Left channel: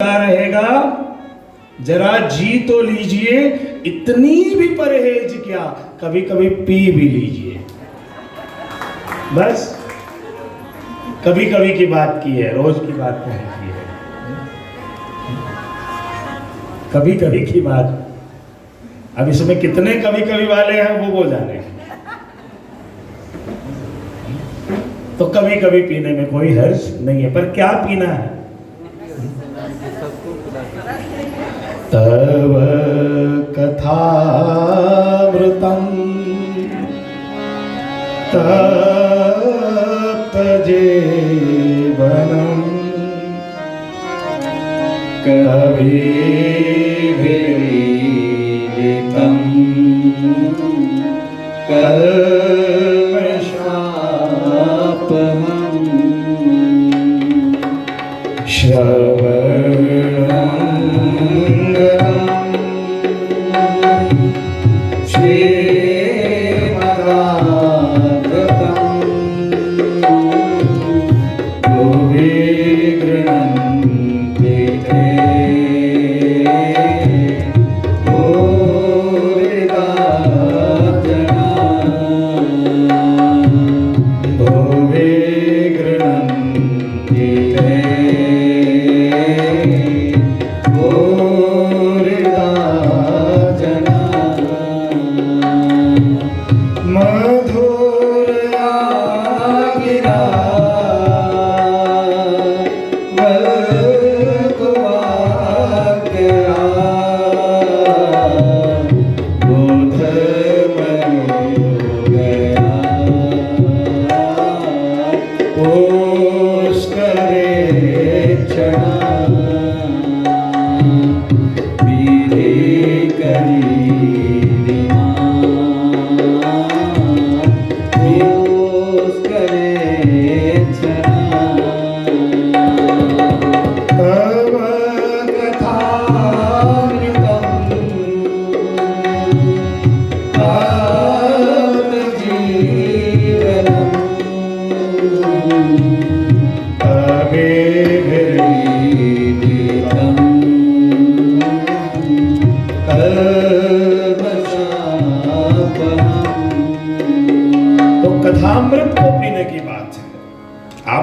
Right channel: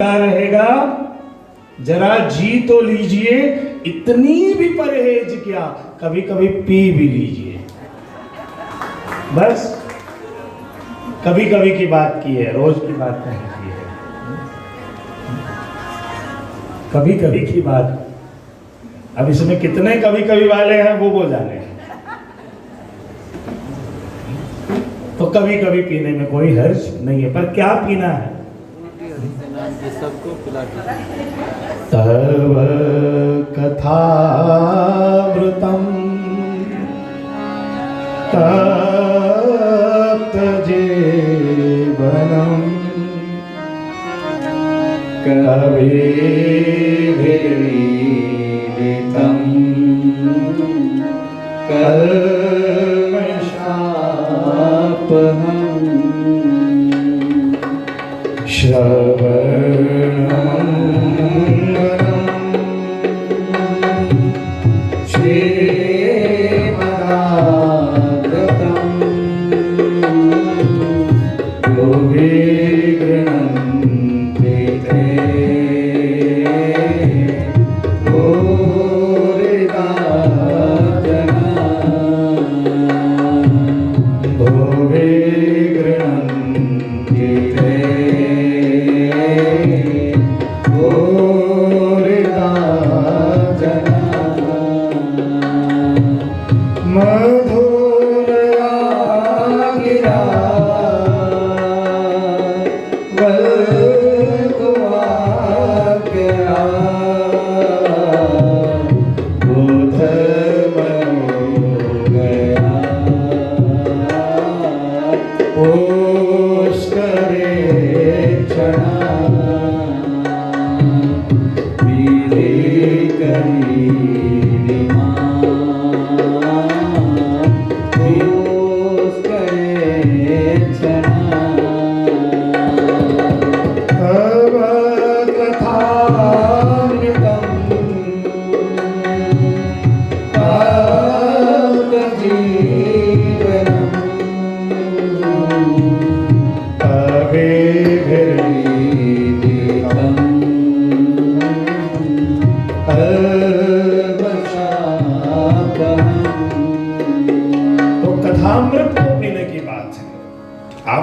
रहेगा, जरा जी तो लीजिए, इतनी भी परहेज क्या, कभी कभी पी भी लीजिए। बस कभी कभी की बात की है, रोज की बात नहीं की है, कभी कभी की बात। अब इसमें कितने कभी कभी वाले हैं वो जाने। तो कभी कभी पीने में कोई हर्ज नहीं है, पर क्या पीना है? तव कथामृतम् तप्त जीवनम् कविभिरीडितम् कल्मषापहम्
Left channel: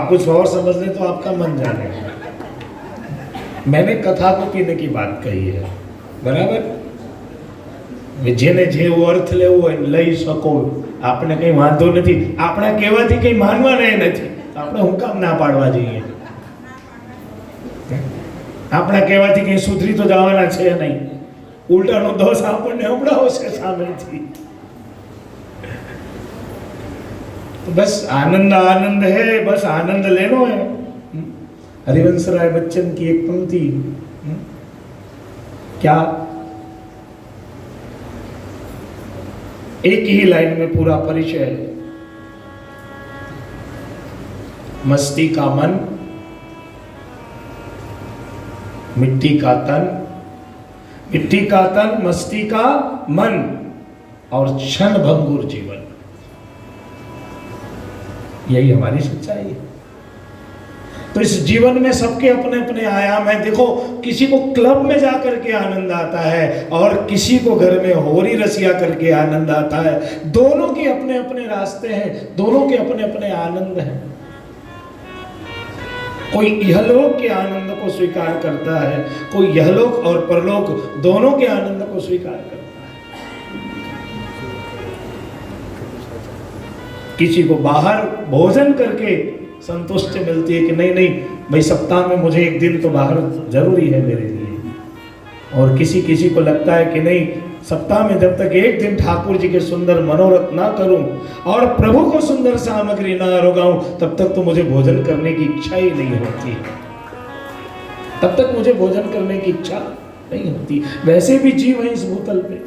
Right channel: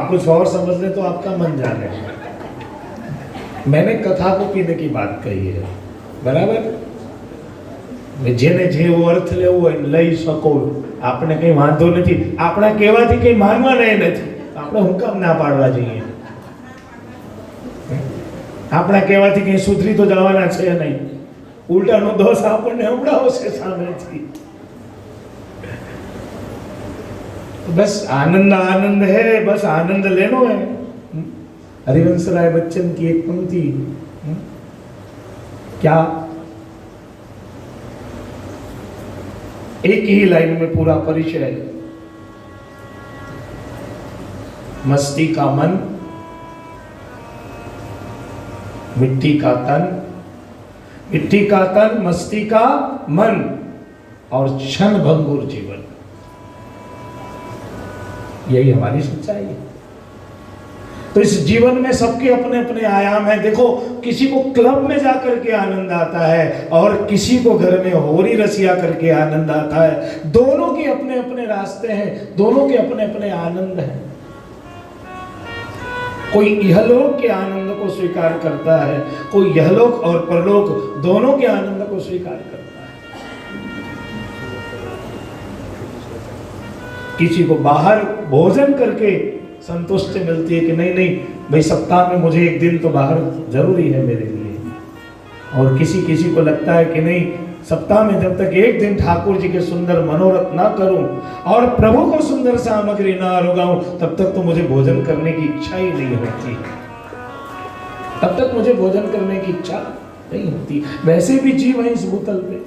कुछ और समझ ले तो आपका मन जाने। मैंने कथा को पीने की बात कही है, बराबर। जेने जे अर्थ लेવો લઈ શકો, આપણે કઈ વાંધો નથી, આપણા કહેવાથી કઈ માનવાના નથી, આપણે હું કામ ના પાડવા જઈએ? આપણા કહેવાથી કઈ સુધરી તો જવાના છે નહીં, ઉલટાનો દોષ આપણને હમણાં છે સામેથી। बस आनंद आनंद है, बस आनंद लेना है। हरिवंश राय बच्चन की एक पंक्ति, क्या एक ही लाइन में पूरा परिचय। मस्ती का मन, मिट्टी का तन, मिट्टी का तन, मस्ती का मन और क्षण भंगुर जीवन, यही हमारी सच्चाई है। तो इस जीवन में सबके अपने अपने आयाम हैं। देखो, किसी को क्लब में जाकर के आनंद आता है और किसी को घर में होरी रसिया करके आनंद आता है। दोनों के अपने अपने रास्ते हैं, दोनों के अपने अपने आनंद हैं। कोई इहलोक के आनंद को स्वीकार करता है, कोई यहलोक और परलोक दोनों के आनंद को स्वीकार करता है। किसी को बाहर भोजन करके संतुष्टि मिलती है कि नहीं नहीं भाई, सप्ताह में मुझे एक दिन तो बाहर जरूरी है मेरे लिए। और किसी किसी को लगता है कि नहीं, सप्ताह में जब तक एक दिन ठाकुर जी के सुंदर मनोरथ ना करूं और प्रभु को सुंदर सामग्री ना रोगाऊं, तब तक तो मुझे भोजन करने की इच्छा ही नहीं होती, तब तक मुझे भोजन करने की इच्छा नहीं होती। वैसे भी जीव है इस भूतल पे,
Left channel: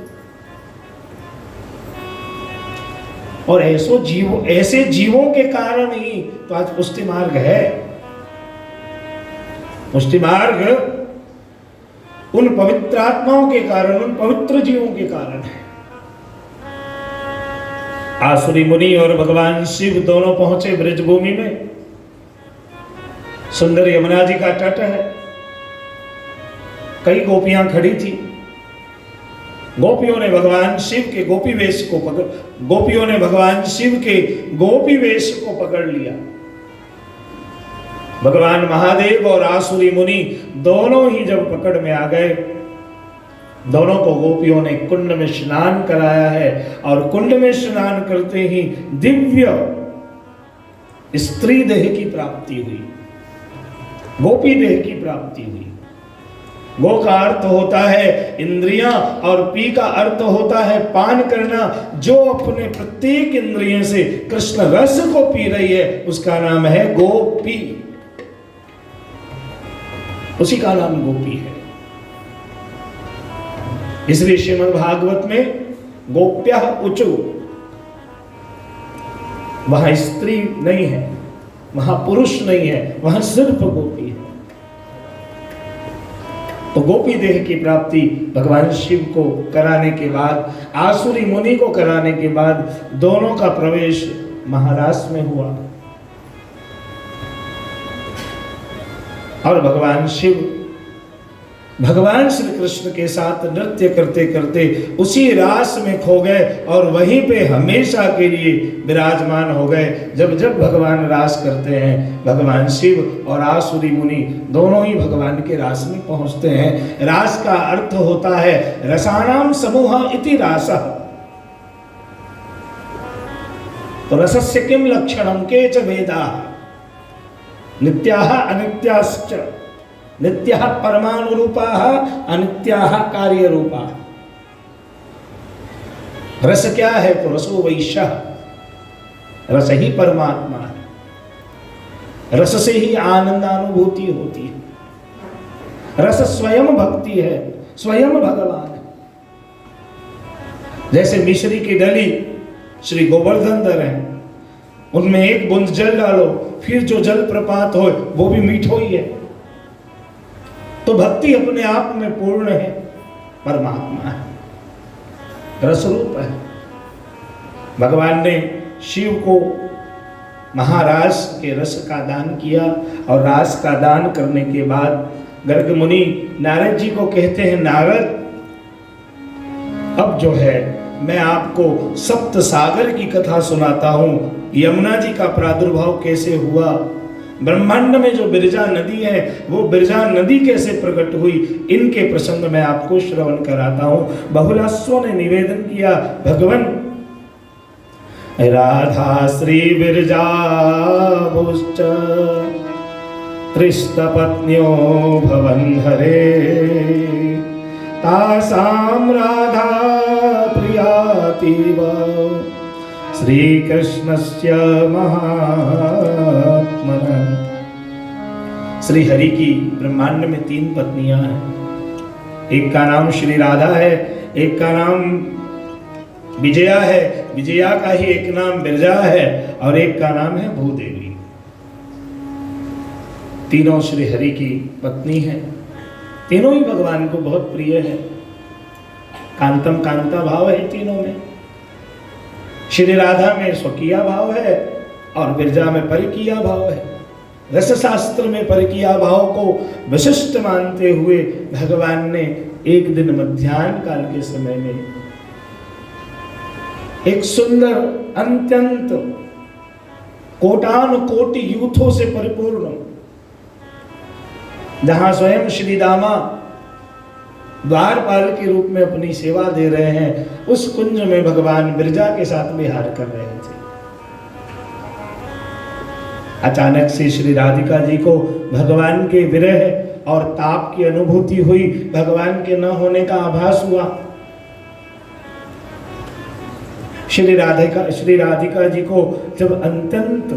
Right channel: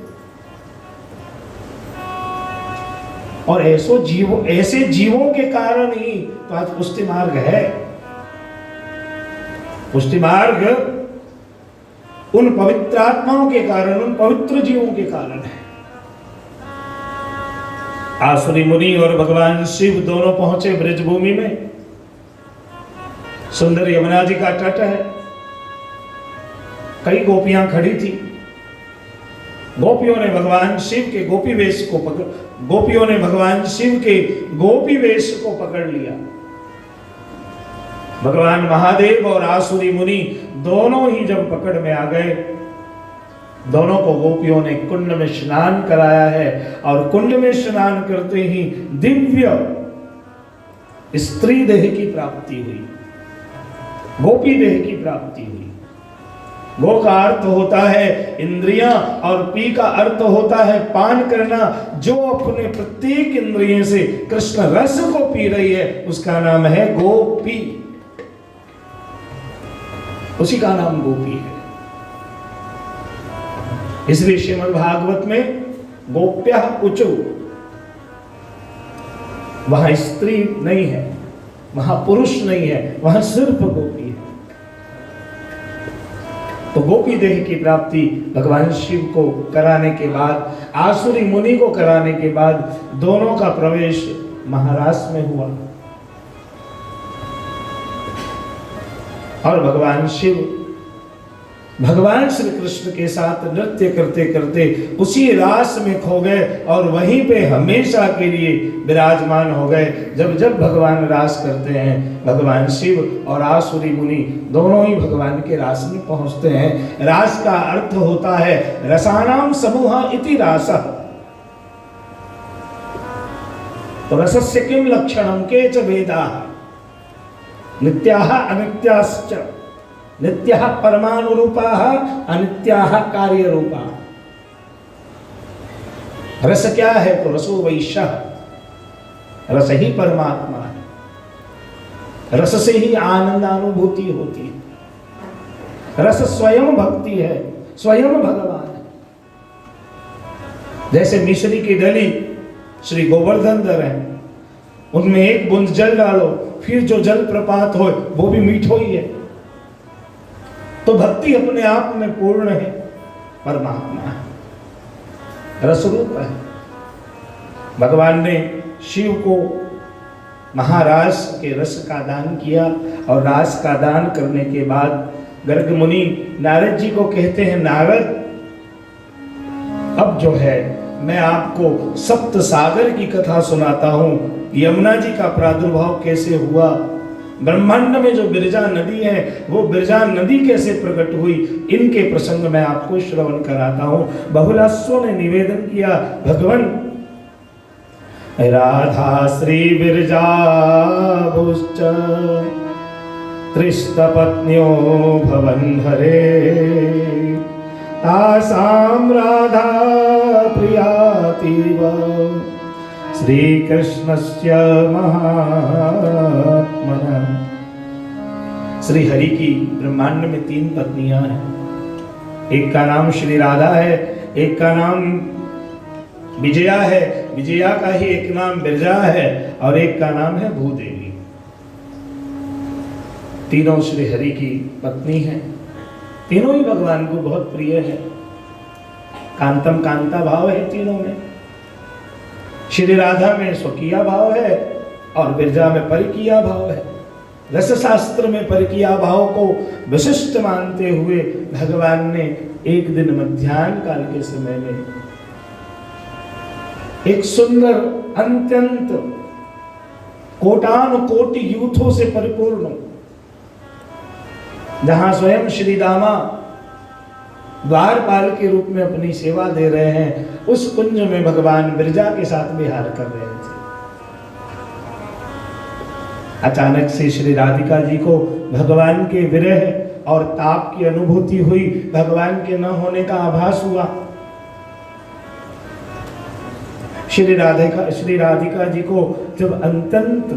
और ऐसे जीवों के कारण ही तो आज पुष्टि मार्ग है। पुष्टि मार्ग उन पवित्र आत्माओं के कारण, उन पवित्र जीवों के कारण है। आसुरी मुनि और भगवान शिव दोनों पहुंचे ब्रजभूमि में। सुंदर यमुना जी का तट है, कई गोपियां खड़ी थी। गोपियों ने भगवान शिव के गोपी वेश को पकड़ लिया। भगवान महादेव और आसुरी मुनि दोनों ही जब पकड़ में आ गए, दोनों को गोपियों ने कुंड में स्नान कराया है और कुंड में स्नान करते ही दिव्य स्त्री देह की प्राप्ति हुई, गोपी देह की प्राप्ति हुई। गो का अर्थ होता है इंद्रियां और पी का अर्थ होता है पान करना। जो अपने प्रत्येक इंद्रिय से कृष्ण रस को पी रही है उसका नाम है गोपी, उसी का नाम गोपी है। इसलिए श्रीमद् भागवत में गोप्या उचु, वहां स्त्री नहीं है, वहां पुरुष नहीं है, वहां सिर्फ गोपी है। तो गोपी देह की प्राप्ति भगवान शिव को कराने के बाद, आसुरी मुनि को कराने के बाद दोनों का प्रवेश महाराष्ट्र में हुआ और भगवान शिव भगवान श्री कृष्ण के साथ नृत्य करते करते उसी रास में खो गए और वहीं पे हमेशा के लिए विराजमान हो गए। जब जब भगवान रास करते हैं, भगवान शिव और आसुरी मुनि दोनों ही भगवान के रास में पहुंचते हैं। रास का अर्थ होता है रसानाम समूह इति रासः। तो रसस्य किम लक्षणम केच वेदाः नित्याः अनित्याश्च, नित्याः परमाणु रूपाः अनित्याः कार्य रूपाः। रस क्या है? तो रसो वैश्यः, रस ही परमात्मा है। रस से ही आनंद अनुभूति होती है। रस स्वयं भक्ति है, स्वयं भगवान है। जैसे मिश्री की डली श्री गोवर्धन धर है, उनमें एक बूंद जल डालो, फिर जो जल प्रपात हो वो भी मीठो ही है। तो भक्ति अपने आप में पूर्ण है, परमात्मा है, रसरूप है। भगवान ने शिव को महारास के रस का दान किया और रास का दान करने के बाद गर्ग मुनि नारद जी को कहते हैं, नारद अब जो है मैं आपको सप्त सागर की कथा सुनाता हूं। यमुना जी का प्रादुर्भाव कैसे हुआ, ब्रह्मांड में जो बिरजा नदी है वो बिरजा नदी कैसे प्रकट हुई, इनके प्रसंग में आपको श्रवण कराता हूं। बहुलास्व ने निवेदन किया, भगवान राधा श्री बिरजा भुश्च त्रिस्तपत्न्यो भवन्धरे तासां राधा प्रियातीव श्री कृष्णस्य महात्मनः। श्री हरि की ब्रह्मांड में 3 पत्नियां हैं। एक का नाम श्री राधा है, एक का नाम विजया है, विजया का ही एक नाम बिरजा है और एक का नाम है भूदेवी। तीनों श्री हरि की पत्नी हैं। तीनों ही भगवान को बहुत प्रिय है। कांतम कांता भाव है तीनों में। श्री राधा में स्वकीय भाव है और बिरजा में परकीय भाव है। रस शास्त्र में परकीय भाव को विशिष्ट मानते हुए भगवान ने एक दिन मध्याह्न काल के समय में एक सुंदर अत्यंत कोटानु कोटि यूथों से परिपूर्ण, जहां स्वयं श्री दामा द्वारपाल के रूप में अपनी सेवा दे रहे हैं, उस कुंज में भगवान बिरजा के साथ विहार कर रहे थे। अचानक से श्री राधिका जी को भगवान के विरह और ताप की अनुभूति हुई, भगवान के न होने का आभास हुआ। श्री राधिका जी को जब अत्यंत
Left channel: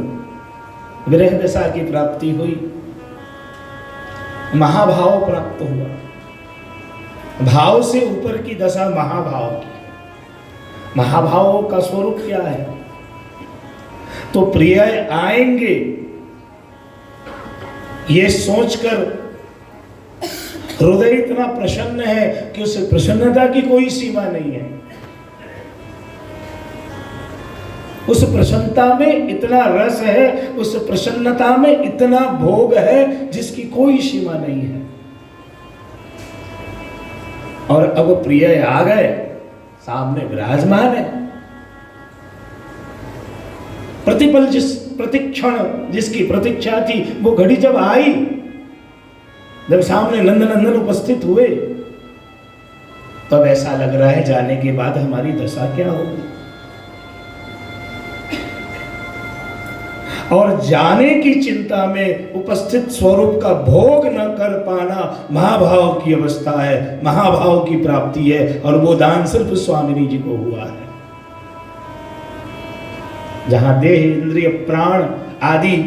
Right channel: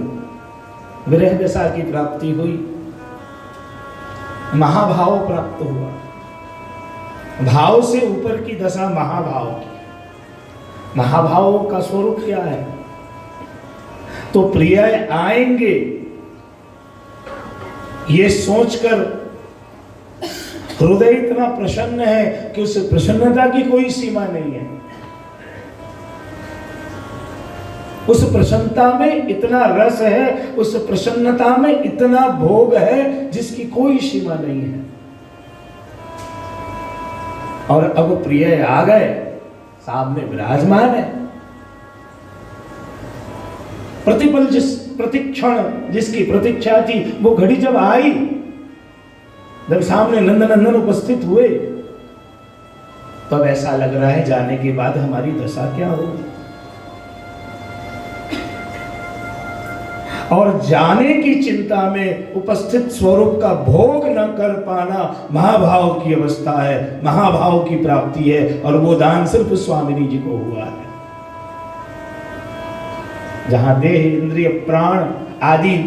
विरह दशा की प्राप्ति हुई, महाभाव प्राप्त हुआ। भाव से ऊपर की दशा महाभाव की। महाभाव का स्वरूप क्या है? तो प्रिय आएंगे ये सोचकर हृदय इतना प्रसन्न है कि उस प्रसन्नता की कोई सीमा नहीं है। उस प्रसन्नता में इतना रस है, उस प्रसन्नता में इतना भोग है जिसकी कोई सीमा नहीं है। और अब प्रिय आ गए, सामने विराजमान है। प्रतिपल प्रतिक्षण जिसकी प्रतीक्षा थी वो घड़ी जब आई, जब सामने नंदनंदन उपस्थित हुए, तब ऐसा लग रहा है जाने के बाद हमारी दशा क्या होगी। और जाने की चिंता में उपस्थित स्वरूप का भोग न कर पाना महाभाव की अवस्था है, महाभाव की प्राप्ति है। और वो दान सिर्फ स्वामिनी जी को हुआ है, जहां देह इंद्रिय प्राण आदि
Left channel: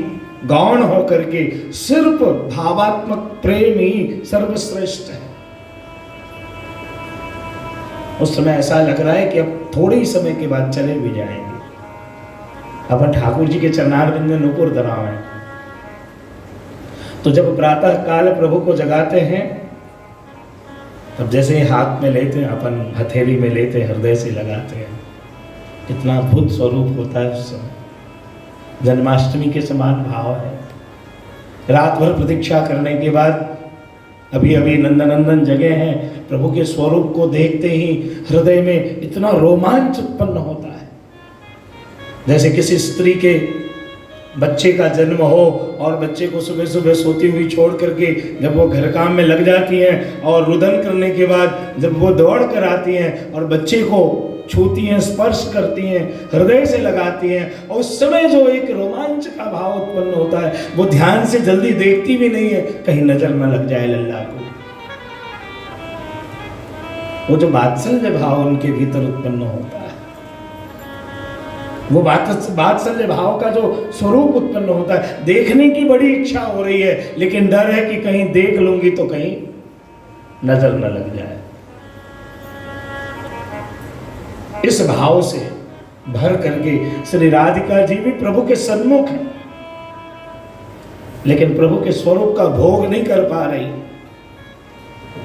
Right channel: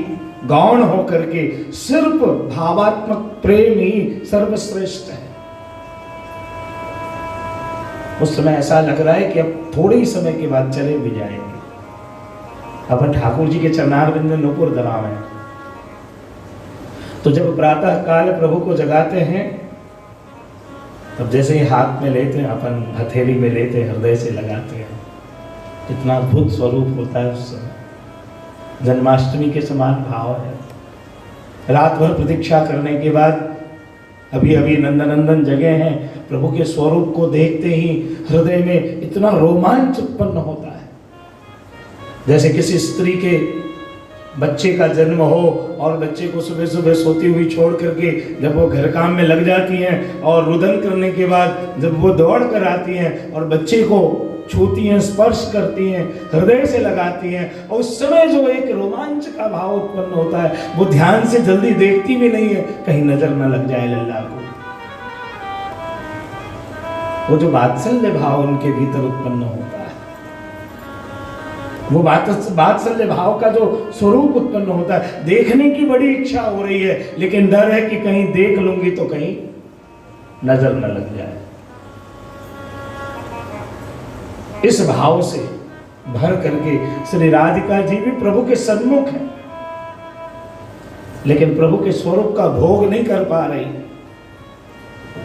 गौण होकर के सिर्फ भावात्मक प्रेम ही सर्वश्रेष्ठ है। उस समय ऐसा लग रहा है कि अब थोड़े ही समय के बाद चले भी जाएंगे। अपन ठाकुर जी के चरणारविंद में नुपुर धराव है। तो जब प्रातः काल प्रभु को जगाते हैं, तब जैसे ही हाथ में लेते हैं, अपन हथेली में लेते हैं, हृदय से लगाते हैं, कितना अद्भुत स्वरूप होता है उस समय। जन्माष्टमी के समान भाव है। रात भर प्रतीक्षा करने के बाद अभी अभी नंदनंदन जगे हैं, प्रभु के स्वरूप को देखते ही हृदय में इतना रोमांच उत्पन्न होता है, जैसे किसी स्त्री के बच्चे का जन्म हो और बच्चे को सुबह सुबह सोती हुई छोड़ करके जब वो घर काम में लग जाती हैं और रुदन करने के बाद जब वो दौड़ कर आती हैं और बच्चे को छूती हैं, स्पर्श करती हैं, हृदय से लगाती हैं, और उस समय जो एक रोमांच का भाव उत्पन्न होता है, वो ध्यान से जल्दी देखती भी नहीं है कहीं नजर न लग जाए लल्ला को। वो जो वात्सल्य भाव उनके भीतर उत्पन्न होता है, वो वात्सल्य भाव का जो स्वरूप उत्पन्न होता है, देखने की बड़ी इच्छा हो रही है, लेकिन डर है कि कहीं देख लूंगी तो कहीं नजर न लग जाए। इस भाव से भर करके श्री राधिका जी भी प्रभु के सन्मुख हैं, लेकिन प्रभु के स्वरूप का भोग नहीं कर पा रही।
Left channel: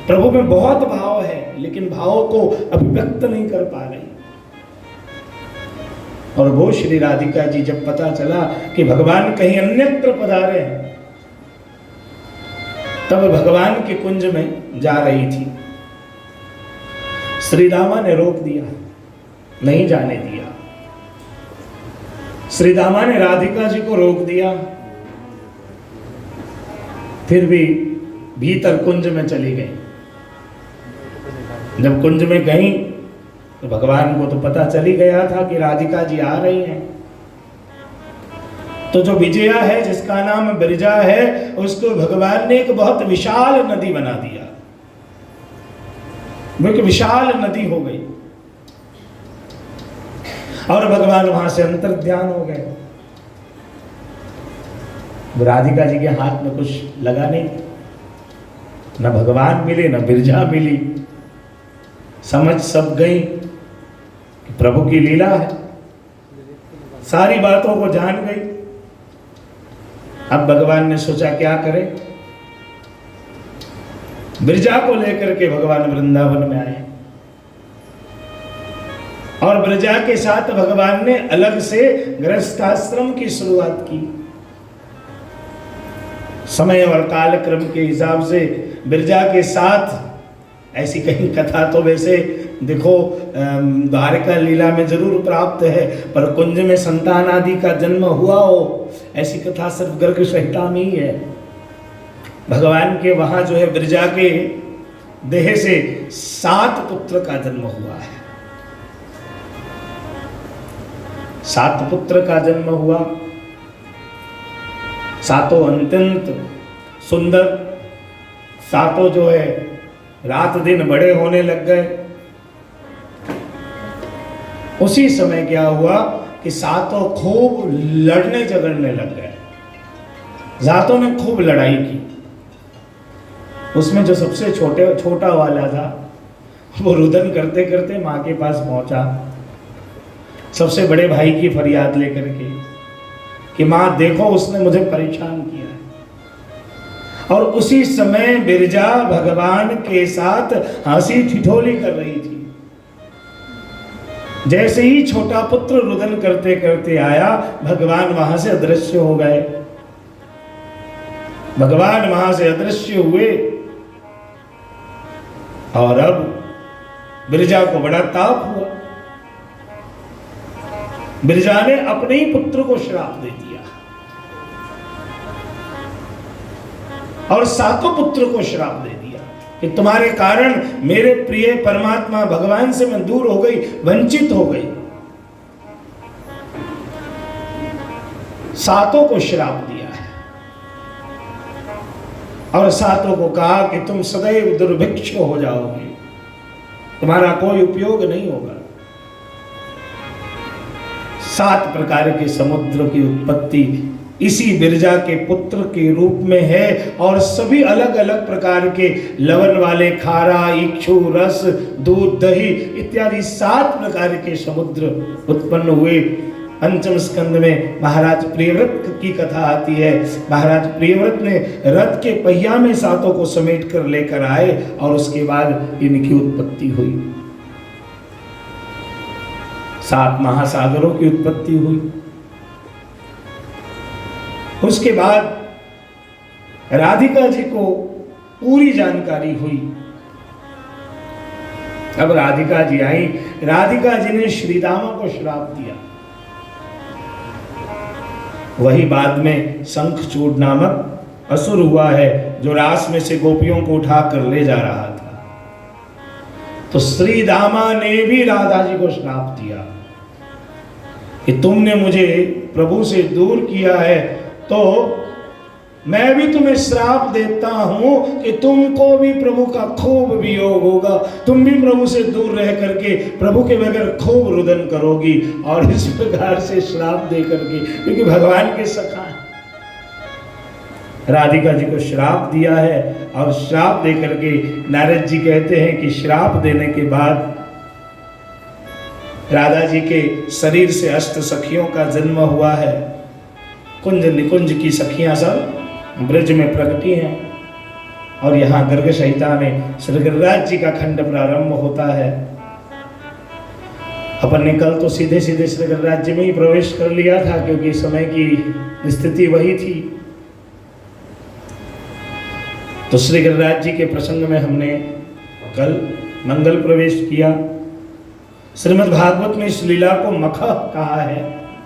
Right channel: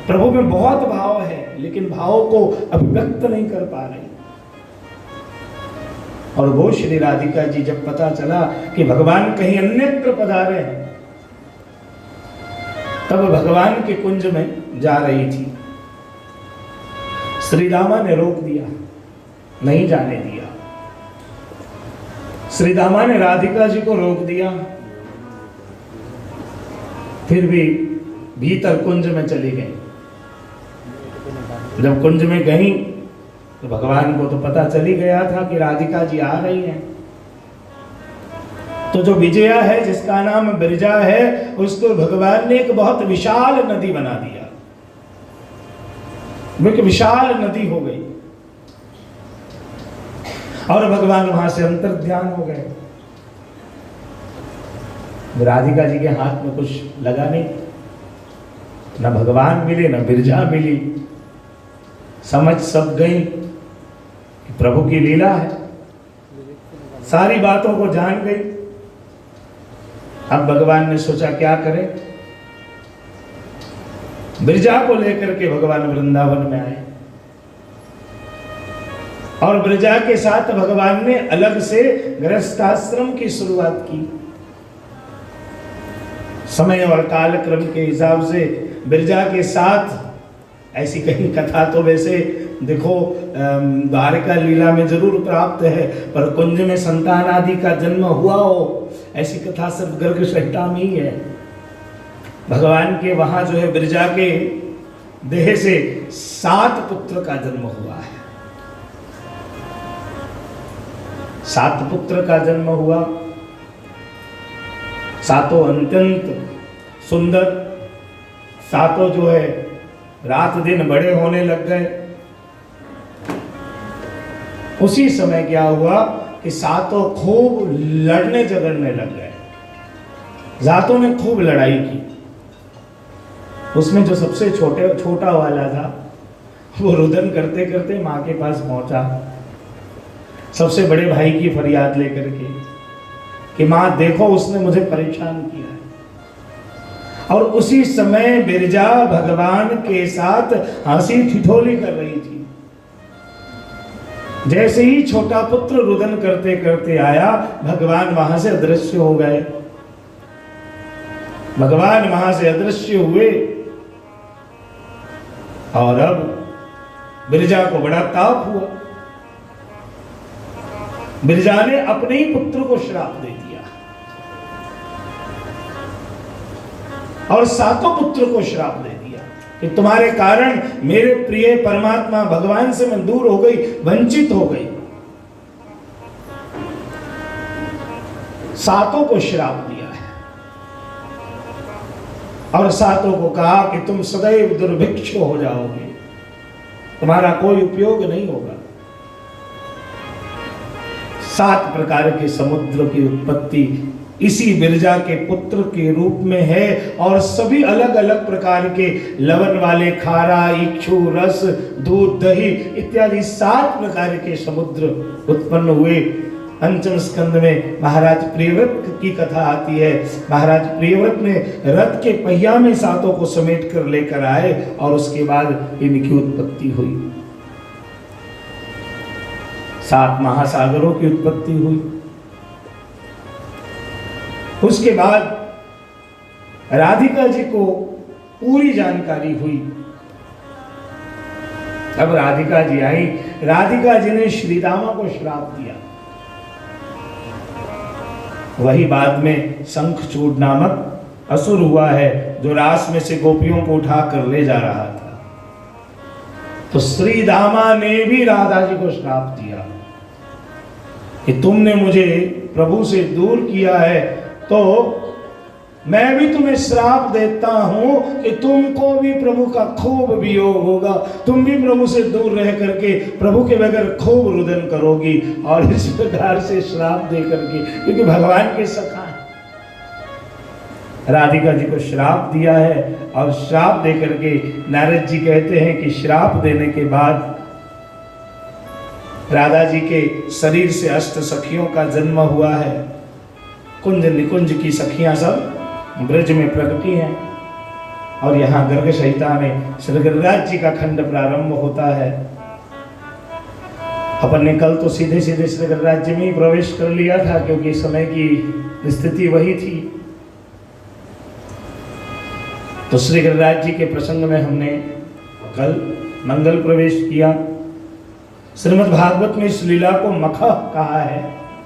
प्रभु में बहुत भाव है, लेकिन भाव को अभिव्यक्त नहीं कर पा रही। और वो श्री राधिका जी जब पता चला कि भगवान कहीं अन्यत्र पधारे हैं, तब भगवान के कुंज में जा रही थी। श्री रामा ने रोक दिया, नहीं जाने दिया। श्री रामा ने राधिका जी को रोक दिया, फिर भी भीतर कुंज में चली गई। जब कुंज में गई तो भगवान को तो पता चली गया था कि राधिका जी आ रही हैं। तो जो विजया है, जिसका नाम बिरजा है, उसको भगवान ने एक बहुत विशाल नदी बना दिया। वो एक विशाल नदी हो गई और भगवान वहां से अंतर्ध्यान हो गए। राधिका जी के हाथ में कुछ लगा नहीं, न भगवान मिले न बिरजा मिली। समझ सब गई कि प्रभु की लीला है, सारी बातों को जान गई। अब भगवान ने सोचा क्या करें। बिरजा को लेकर के भगवान वृंदावन में आए और बिरजा के साथ भगवान ने अलग से गृहस्थाश्रम की शुरुआत की। समय और काल क्रम के हिसाब से बिरजा के साथ ऐसी कहीं कथा तो वैसे देखो द्वारका लीला में जरूर प्राप्त है, पर कुंज में संतान आदि का जन्म हुआ हो, ऐसी कथा सिर्फ गर्ग संहिता में ही है। भगवान के वहां जो है बिरजा के देह से 7 पुत्र का जन्म हुआ है। 7 पुत्र का जन्म हुआ, सातों अत्यंत सुंदर, सातों जो है रात दिन बड़े होने लग गए। उसी समय क्या हुआ कि सातों खूब लड़ने झगड़ने लग गए। जातों ने खूब लड़ाई की। उसमें जो सबसे छोटा वाला था, वो रुदन करते करते माँ के पास पहुंचा, सबसे बड़े भाई की फरियाद लेकर के कि माँ देखो उसने मुझे परेशान किया है। और उसी समय बिरजा भगवान के साथ हंसी ठिठोली कर रही थी। जैसे ही छोटा पुत्र रुदन करते करते आया, भगवान वहां से अदृश्य हो गए। भगवान वहां से अदृश्य हुए और अब बिरजा को बड़ा ताप हुआ। बिरजा ने अपने ही पुत्र को श्राप दे दिया और सातों पुत्र को श्राप दे दिया कि तुम्हारे कारण मेरे प्रिय परमात्मा भगवान से मैं दूर हो गई, वंचित हो गई। सातों को श्राप दिया है और सातों को कहा कि तुम सदैव दुर्भिक्ष हो जाओगे, तुम्हारा कोई उपयोग नहीं होगा। 7 प्रकार के समुद्र की उत्पत्ति इसी बिरजा के पुत्र के रूप में है और सभी अलग अलग प्रकार के लवण वाले, खारा, इक्षु, रस, दूध, दही इत्यादि 7 प्रकार के समुद्र उत्पन्न हुए। पंचम स्कंद में महाराज प्रियव्रत की कथा आती है। महाराज प्रियव्रत ने रथ के पहिया में सातों को समेट कर लेकर आए और उसके बाद इनकी उत्पत्ति हुई। 7 महासागरों की उत्पत्ति हुई। उसके बाद राधिका जी को पूरी जानकारी हुई। अब राधिका जी आई। राधिका जी ने श्रीदामा को श्राप दिया। वही बाद में शंखचूड़ नामक असुर हुआ है जो रास में से गोपियों को उठा कर ले जा रहा था। तो श्रीदामा ने भी राधा जी को श्राप दिया कि तुमने मुझे प्रभु से दूर किया है, तो मैं भी तुम्हें श्राप देता हूं कि तुमको भी प्रभु का खूब वियोग होगा, तुम भी प्रभु से दूर रह करके प्रभु के बगैर खूब रुदन करोगी। और इस प्रकार से श्राप दे करके, क्योंकि भगवान के सखा राधिका जी को श्राप दिया है। और श्राप दे करके नारद जी कहते हैं कि श्राप देने के बाद राधा जी के शरीर से अष्ट सखियों का जन्म हुआ है। कुंज निकुंज की सखियां सब ब्रज में प्रकटी हैं और यहाँ गर्ग संहिता में श्री गिरिराज जी का खंड प्रारंभ होता है। अपन ने कल तो सीधे सीधे श्री गिरिराज जी में ही प्रवेश कर लिया था, क्योंकि समय की स्थिति वही थी। तो श्री गिरिराज जी के प्रसंग में हमने कल मंगल प्रवेश किया। श्रीमद् भागवत में इस लीला को मख कहा है,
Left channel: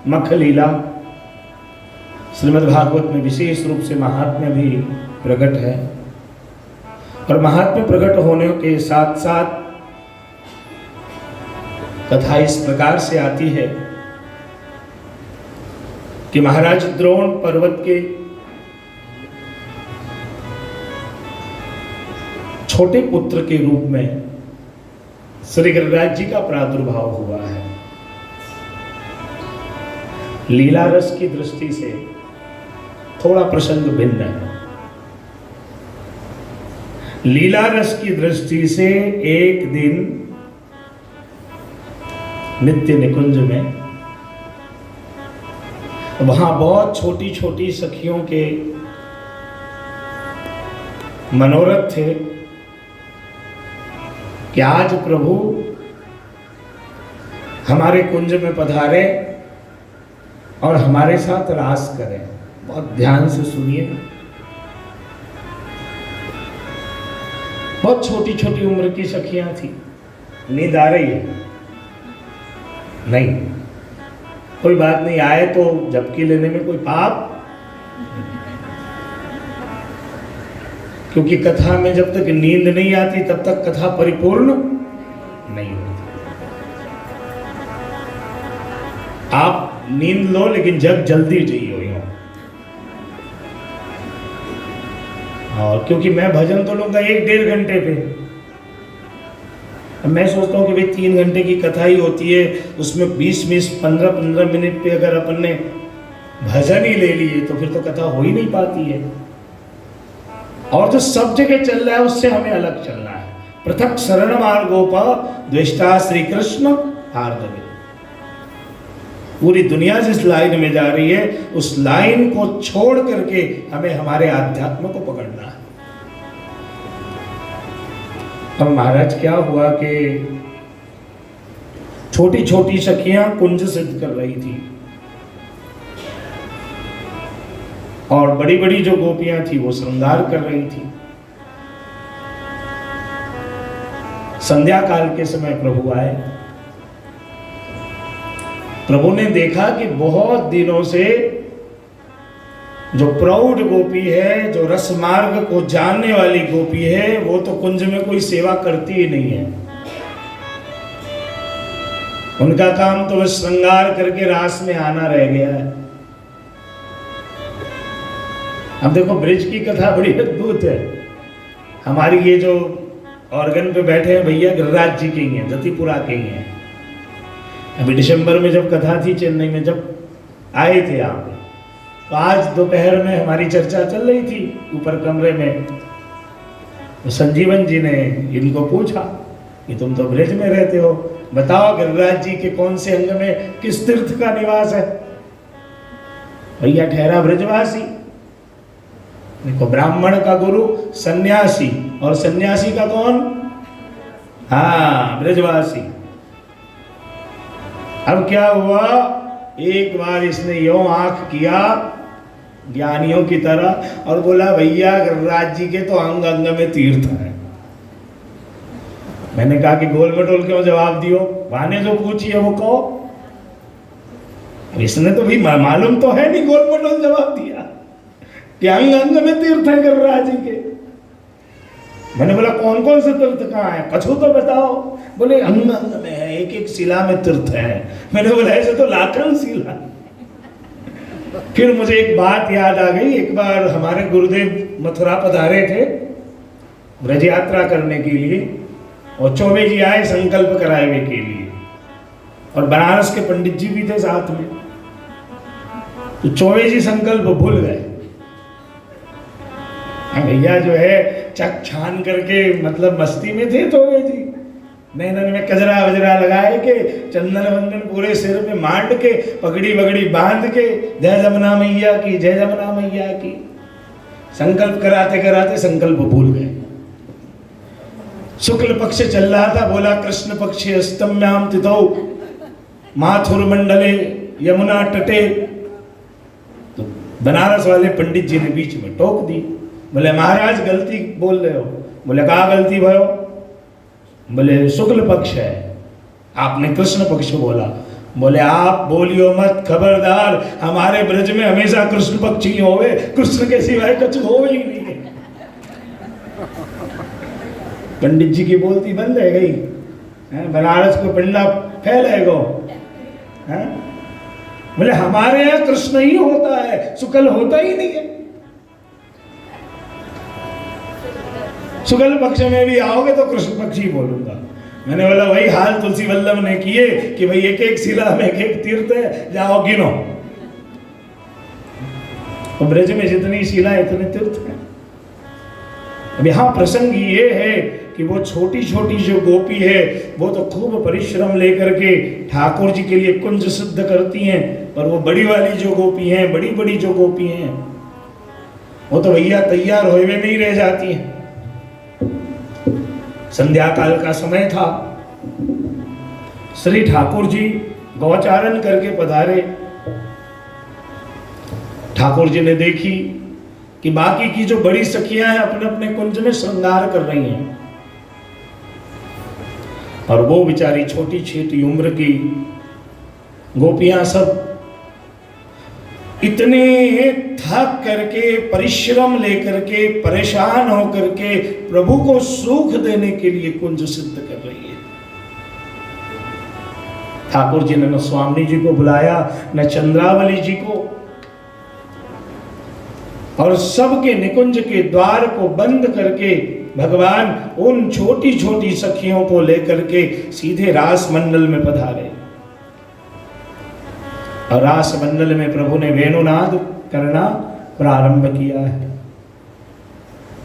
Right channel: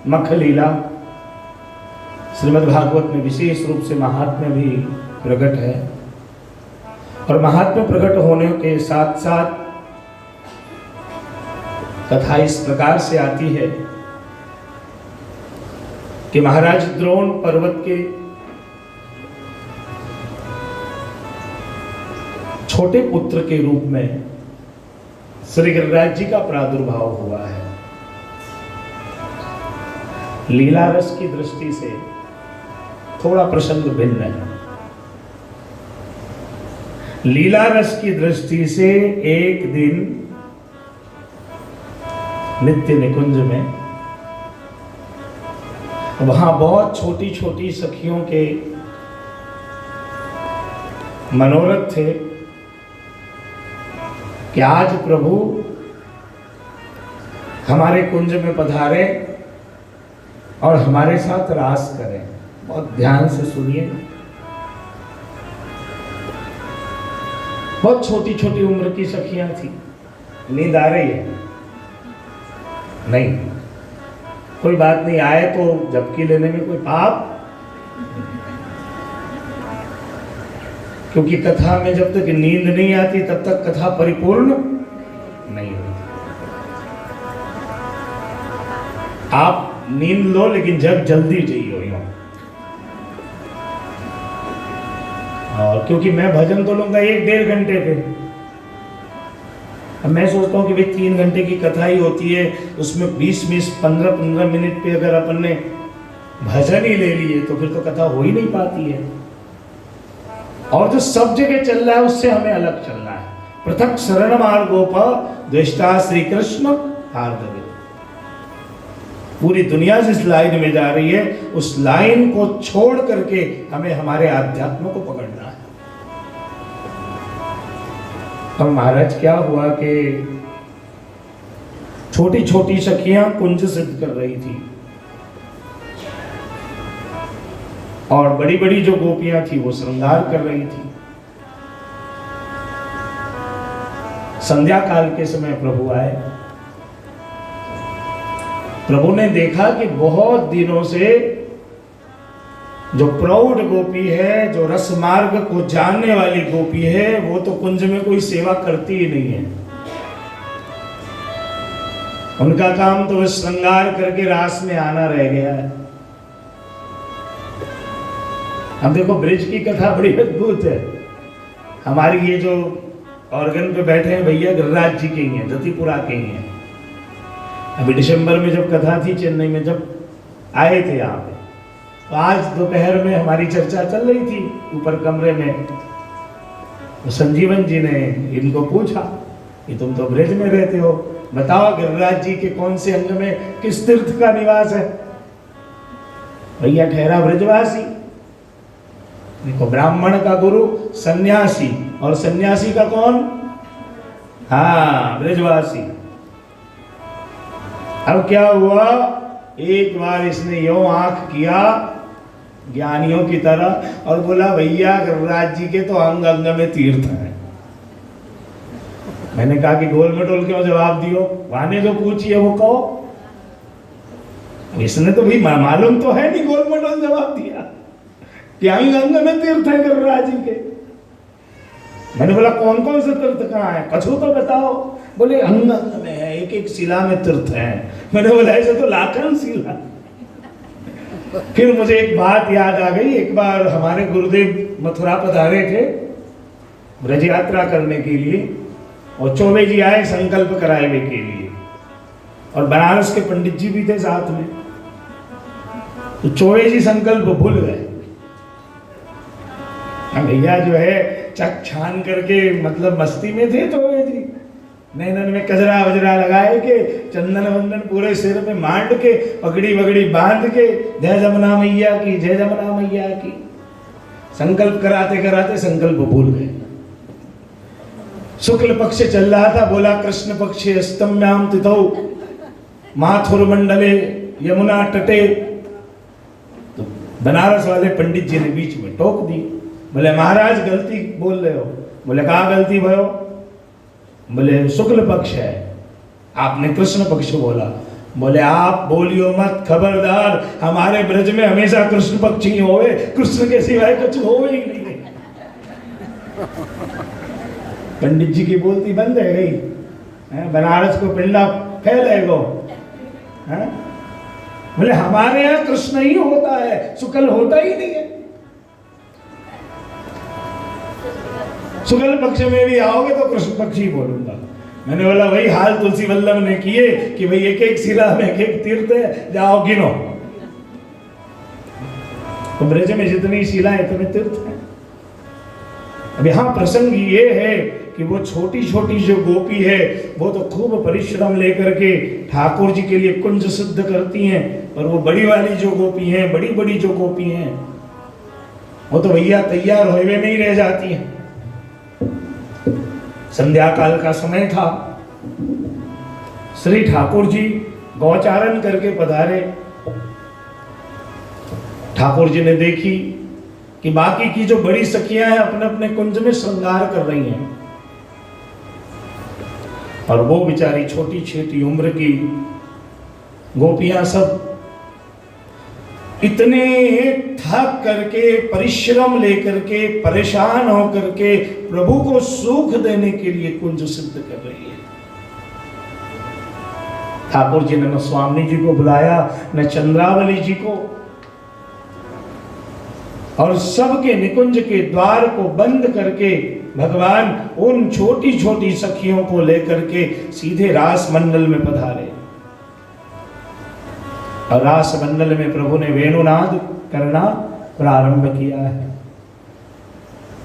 मख लीला। श्रीमद् भागवत में विशेष रूप से महात्म्य भी प्रकट है और महात्म्य प्रकट होने के साथ साथ कथा इस प्रकार से आती है कि महाराज द्रोण पर्वत के छोटे पुत्र के रूप में श्री गिरिराज जी का प्रादुर्भाव हुआ है। लीला रस की दृष्टि से थोड़ा प्रसंग भिन्न है। लीला रस की दृष्टि से एक दिन नित्य निकुंज में वहां बहुत छोटी छोटी सखियों के मनोरथ थे कि आज प्रभु हमारे कुंज में पधारे और हमारे साथ रास करें। बहुत ध्यान से सुनिए। बहुत छोटी छोटी उम्र की सखियां थी। नींद आ रही है? नहीं, कोई बात नहीं। आए तो झपकी लेने में कोई पाप, क्योंकि कथा में जब तक नींद नहीं आती तब तक कथा परिपूर्ण नहीं होती। आप नींद लो, लेकिन जब जल्दी चाहिए। और क्योंकि मैं भजन तो लूंगा 1-1.5 घंटे पे, मैं सोचता हूँ कि भाई 3 घंटे की कथा ही होती है, उसमें 20-20, 15-15 मिनट पे अगर अपन ने भजन ही ले लिए तो फिर तो कथा हो ही नहीं पाती है। और जो सब जगह चल रहा है उससे हमें अलग चलना है। पृथक शरण मार्गोपा द्वेष्टा श्री कृष्ण हार्दवे। पूरी दुनिया जिस लाइन में जा रही है उस लाइन को छोड़ करके हमें हमारे आध्यात्म को पकड़ना है। अब महाराज क्या हुआ कि छोटी छोटी सखियां कुंज सिद्ध कर रही थी और बड़ी बड़ी जो गोपियां थी वो श्रृंगार कर रही थी। संध्या काल के समय प्रभु आए। प्रभु ने देखा कि बहुत दिनों से जो प्रौढ़ गोपी है, जो रस मार्ग को जानने वाली गोपी है, वो तो कुंज में कोई सेवा करती ही नहीं है। उनका काम तो बस श्रृंगार करके रास में आना रह गया है। अब देखो, ब्रिज की कथा बड़ी अद्भुत है। हमारी ये जो ऑर्गन पे बैठे हैं भैया गिरिराज जी के ही हैं, जतिपुरा के ही हैं। अभी दिसंबर में जब कथा थी चेन्नई में, जब आए थे यहाँ पे, तो आज दोपहर में हमारी चर्चा चल रही थी ऊपर कमरे में। तो संजीवन जी ने इनको पूछा कि तुम तो ब्रिज में रहते हो, बताओ गिरिराज जी के कौन से अंग में किस तीर्थ का निवास है? भैया ठहरा ब्रिजवासी। देखो, ब्राह्मण का गुरु सन्यासी, और सन्यासी का कौन? हाँ, ब्रिजवासी। अब क्या हुआ, एक बार इसने यूं आंख किया ज्ञानियों की तरह और बोला, भैया गिरिराज जी के तो अंग अंग में तीर्थ है। मैंने कहा कि गोल मटोल क्यों जवाब दियो, वाने जो पूछी है वो कहो। इसने तो भी मालूम तो है नहीं, गोल मटोल जवाब दिया कि अंग अंग में तीर्थ है गिरिराज जी के। मैंने बोला कौन कौन से तीर्थ कहाँ है, कछु तो बताओ। बोले अंग अंग में है, एक एक शिला में तीर्थ है। मैंने बोला ऐसे तो लाखन शिला। फिर मुझे एक बात याद आ गई। एक बार हमारे गुरुदेव मथुरा पधारे थे ब्रज यात्रा करने के लिए, और चौबे जी आए संकल्प कराने के लिए, और बनारस के पंडित जी भी थे साथ में। तो चौबे जी संकल्प भूल गए। भैया जो है चक छान करके मतलब मस्ती में थे चौबे जी। नैनन में कजरा वजरा लगाए के, चंदन वंदन पूरे सिर में मांड के, पगड़ी वगड़ी बांध के, जय जमुना मैया की, जय जमुना मैया की संकल्प कराते कराते संकल्प भूल गए। शुक्ल पक्ष चल रहा था, बोला कृष्ण पक्ष अस्तम्याम तिथौ माथुर मंडले यमुना तटे। तो बनारस वाले पंडित जी ने बीच में टोक दी। बोले महाराज गलती बोल रहे हो। बोले कहा गलती भयो? बोले शुक्ल पक्ष है, आपने कृष्ण पक्ष बोला। बोले आप बोलियो मत, खबरदार, हमारे ब्रज में हमेशा कृष्ण पक्ष ही होवे, कृष्ण के सिवाय कुछ होवे ही नहीं। पंडित जी की बोलती बंद है गई। बनारस को पिंडा फैलेगो। बोले हमारे यहाँ कृष्ण ही होता है, शुक्ल होता ही नहीं है। शुक्ल पक्ष में भी आओगे तो कृष्ण पक्ष ही बोलूंगा। मैंने बोला वही हाल तुलसी वल्लभ ने किए कि भाई एक एक शिला में एक एक तीर्थ है, जाओ गिनो। तो ब्रज में जितनी शिला इतने तीर्थ हैं। अब यहाँ प्रसंग ये है कि वो छोटी छोटी जो गोपी है वो तो खूब परिश्रम लेकर के ठाकुर जी के लिए कुंज सिद्ध करती हैं, और वो बड़ी वाली जो गोपी हैं, बड़ी बड़ी जो गोपी हैं, वो तो भैया तैयार हुए नहीं रह जाती हैं। संध्या काल का समय था, श्री ठाकुर जी गौचारण करके पधारे। ठाकुर जी ने देखी कि बाकी की जो बड़ी सखियां हैं अपने अपने कुंज में श्रृंगार कर रही हैं, और वो बेचारी छोटी छोटी उम्र की गोपियां सब इतने थक करके, परिश्रम लेकर के, परेशान होकर के प्रभु को सुख देने के लिए कुंज सिद्ध कर रही है। ठाकुर जी ने न स्वामी जी को बुलाया, न चंद्रावली जी को, और सबके निकुंज के द्वार को बंद करके भगवान उन छोटी छोटी सखियों को लेकर के सीधे रास मंडल में पधारे। और रास मंडल में प्रभु ने वेणुनाद करना प्रारंभ किया है।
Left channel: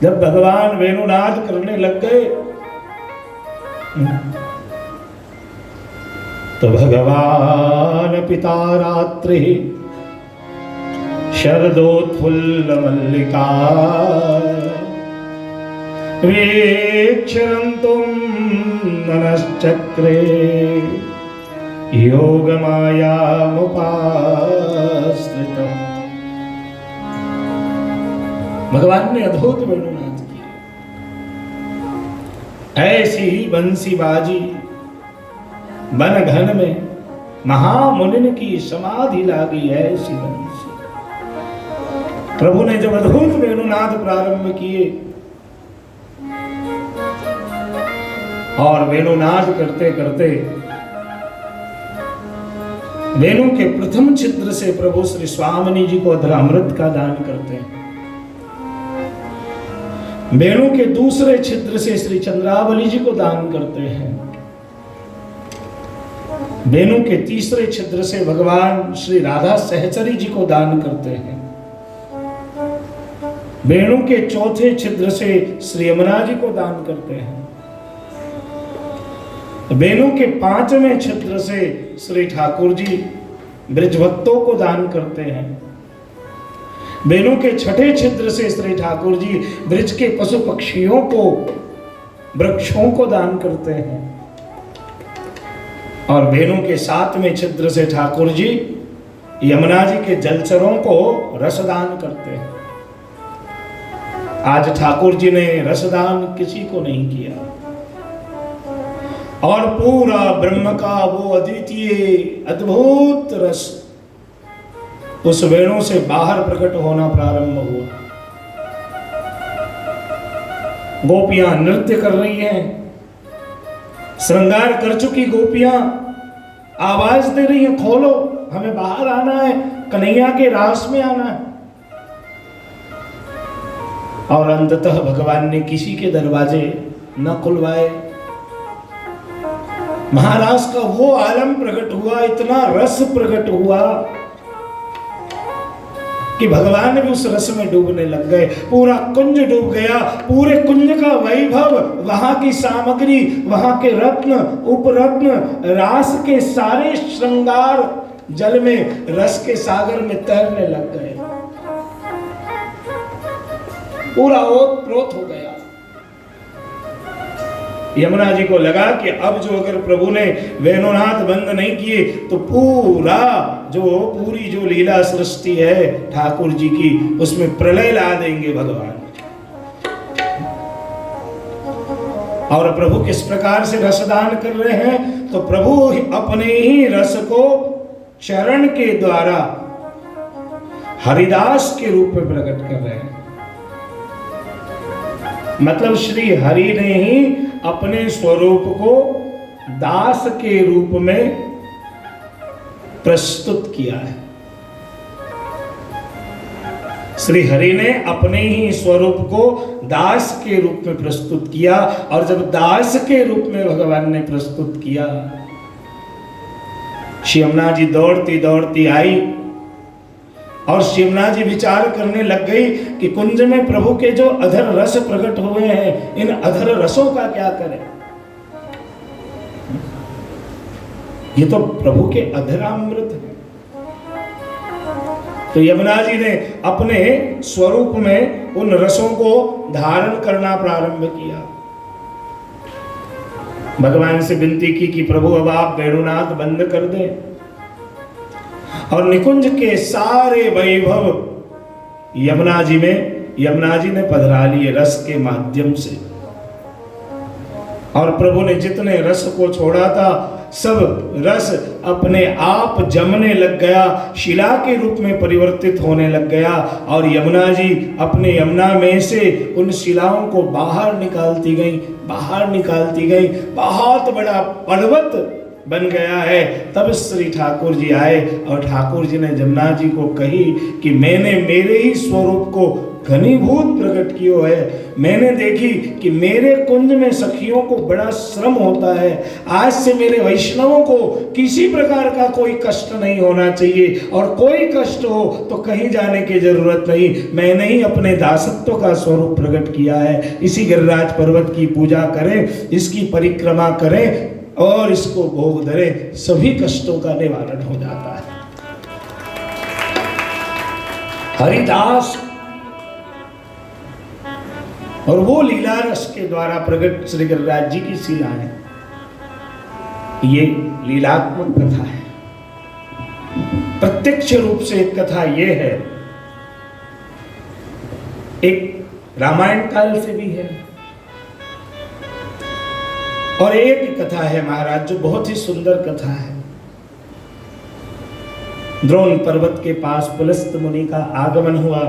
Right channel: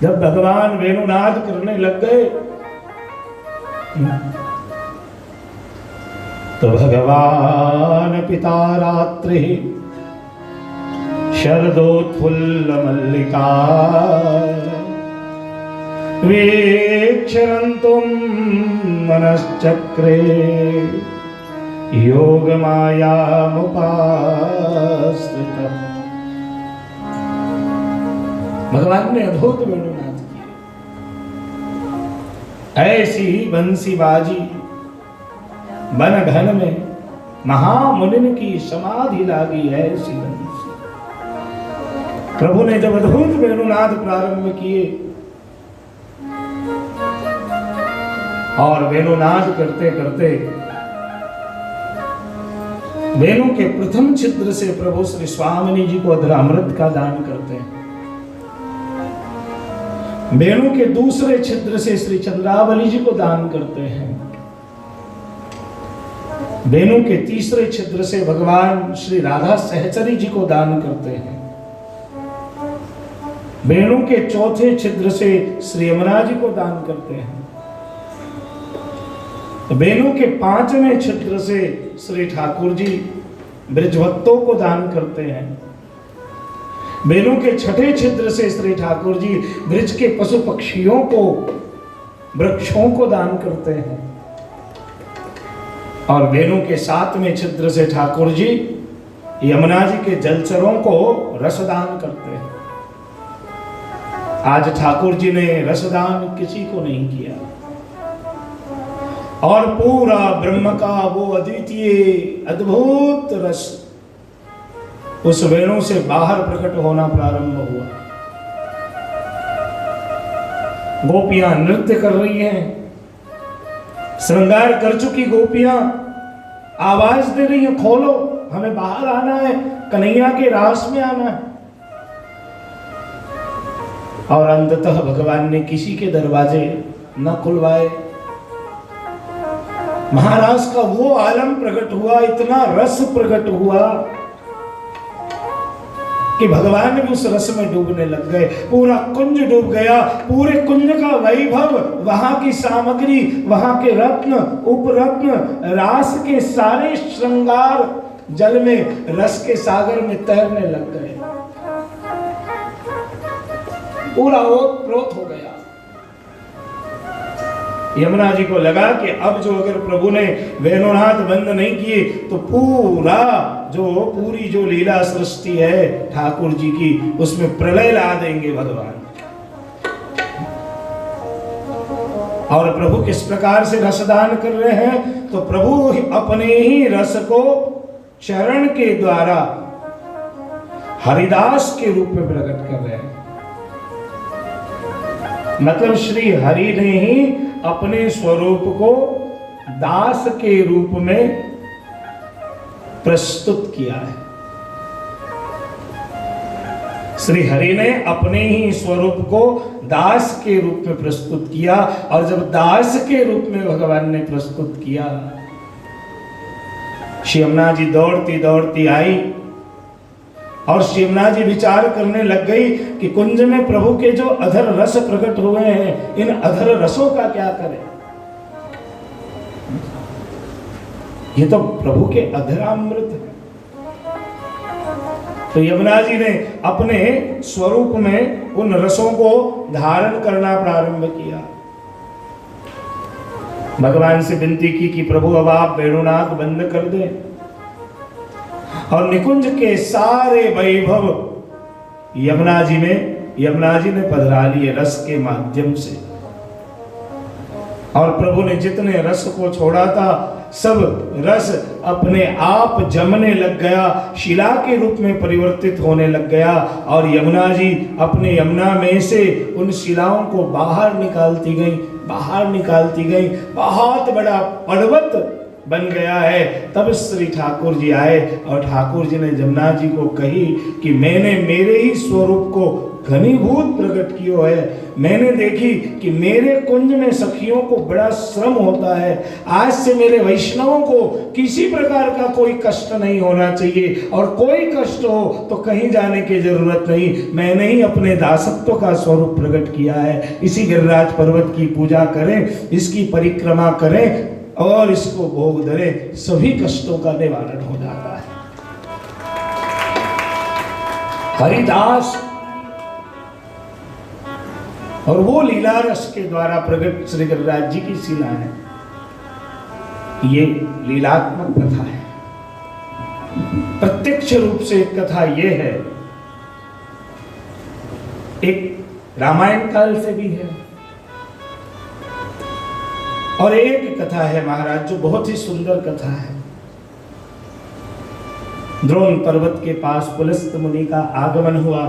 जब भगवान वेणुनाद करने लग गए तो भगवान पिता रात्रि शरदोत्फुल्ल मल्लिका वीक्षरन्तुं मनश्चक्रे योगमायामुपाश्रितम्। भगवान ने अद्भुत वेणुनाद किया। ऐसी बंसी बाजी बन घन में महामुनिन की समाधि लागी ऐसी बंसी। प्रभु ने जब अद्भुत वेणुनाद प्रारंभ किए और वेणुनाद करते करते वेणु के प्रथम छिद्र से प्रभु श्री स्वामिनी जी को अमृत का दान करते हैं। वेणु के दूसरे छिद्र से श्री चंद्रावली जी को दान करते हैं। वेणु के तीसरे छिद्र से भगवान श्री राधा सहचरी जी को दान करते हैं। वेणु के चौथे छिद्र से श्री यमुना जी को दान करते हैं। वेणु के पांचवें छिद्र से श्री ठाकुर जी ब्रजभक्तों को दान करते हैं। वेणु के छठे छिद्र से श्री ठाकुर जी ब्रज के पशु पक्षियों को वृक्षों को दान करते हैं। और वेणु के सातवें छिद्र से ठाकुर जी यमुना जी के जलचरों को रसदान करते हैं। आज ठाकुर जी ने रसदान किसी को नहीं किया और पूरा ब्रह्म का वो अद्वितीय अद्भुत रस उस वेणु से बाहर प्रकट होना प्रारंभ हुआ। गोपियां नृत्य कर रही हैं, श्रृंगार कर चुकी गोपियां आवाज दे रही हैं, खोलो, हमें बाहर आना है, कन्हैया के रास में आना है। और अंततः भगवान ने किसी के दरवाजे न खुलवाए। महाराज का वो आलम प्रकट हुआ, इतना रस प्रकट हुआ कि भगवान भी उस रस में डूबने लग गए। पूरा कुंज डूब गया। पूरे कुंज का वैभव, वहां की सामग्री, वहां के रत्न उपरत्न, रास के सारे श्रृंगार जल में, रस के सागर में तैरने लग गए। पूरा ओतप्रोत हो गया। यमुना जी को लगा कि अब जो अगर प्रभु ने वेणुनाद बंद नहीं किए तो पूरी जो लीला सृष्टि है ठाकुर जी की, उसमें प्रलय ला देंगे भगवान। और प्रभु किस प्रकार से रसदान कर रहे हैं, तो प्रभु अपने ही रस को चरण के द्वारा हरिदास के रूप में प्रकट कर रहे हैं। मतलब श्री हरि ने ही अपने स्वरूप को दास के रूप में प्रस्तुत किया है। श्री हरि ने अपने ही स्वरूप को दास के रूप में प्रस्तुत किया। और जब दास के रूप में भगवान ने प्रस्तुत किया, श्री यमुना जी दौड़ती दौड़ती आई और श्री यमुना जी विचार करने लग गई कि कुंज में प्रभु के जो अधर रस प्रकट हुए हैं, इन अधर रसों का क्या करें। ये तो प्रभु के अधरामृत है। तो यमुना जी ने अपने स्वरूप में उन रसों को धारण करना प्रारंभ किया। भगवान से विनती की कि प्रभु अब आप वेणुनाद बंद कर दें और निकुंज के सारे वैभव यमुना जी ने पधरा लिए रस के माध्यम से। और प्रभु ने जितने रस को छोड़ा था, सब रस अपने आप जमने लग गया, शिला के रूप में परिवर्तित होने लग गया। और यमुना जी अपने यमुना में से उन शिलाओं को बाहर निकालती गई। बहुत बड़ा पर्वत बन गया है। तब श्री ठाकुर जी आए और ठाकुर जी ने यमुना जी को कही कि मैंने मेरे ही स्वरूप को घनीभूत प्रकट किया है। मैंने देखी कि मेरे कुंज में सखियों को बड़ा श्रम होता है। आज से मेरे वैष्णवों को किसी प्रकार का कोई कष्ट नहीं होना चाहिए, और कोई कष्ट हो तो कहीं जाने की जरूरत नहीं। मैंने ही अपने दासत्व का स्वरूप प्रकट किया है। इसी गिरिराज पर्वत की पूजा करें, इसकी परिक्रमा करें और इसको भोग धरें, सभी कष्टों का निवारण हो जाता है। हरिदास और वो लीला रस के द्वारा प्रकट श्री गिरिराज जी की शीला है। ये लीलात्मक कथा है। प्रत्यक्ष रूप से एक कथा ये है, एक रामायण काल से भी है। और एक कथा है महाराज जो बहुत ही सुंदर कथा है। द्रोण पर्वत के पास पुलस्त मुनि का आगमन हुआ।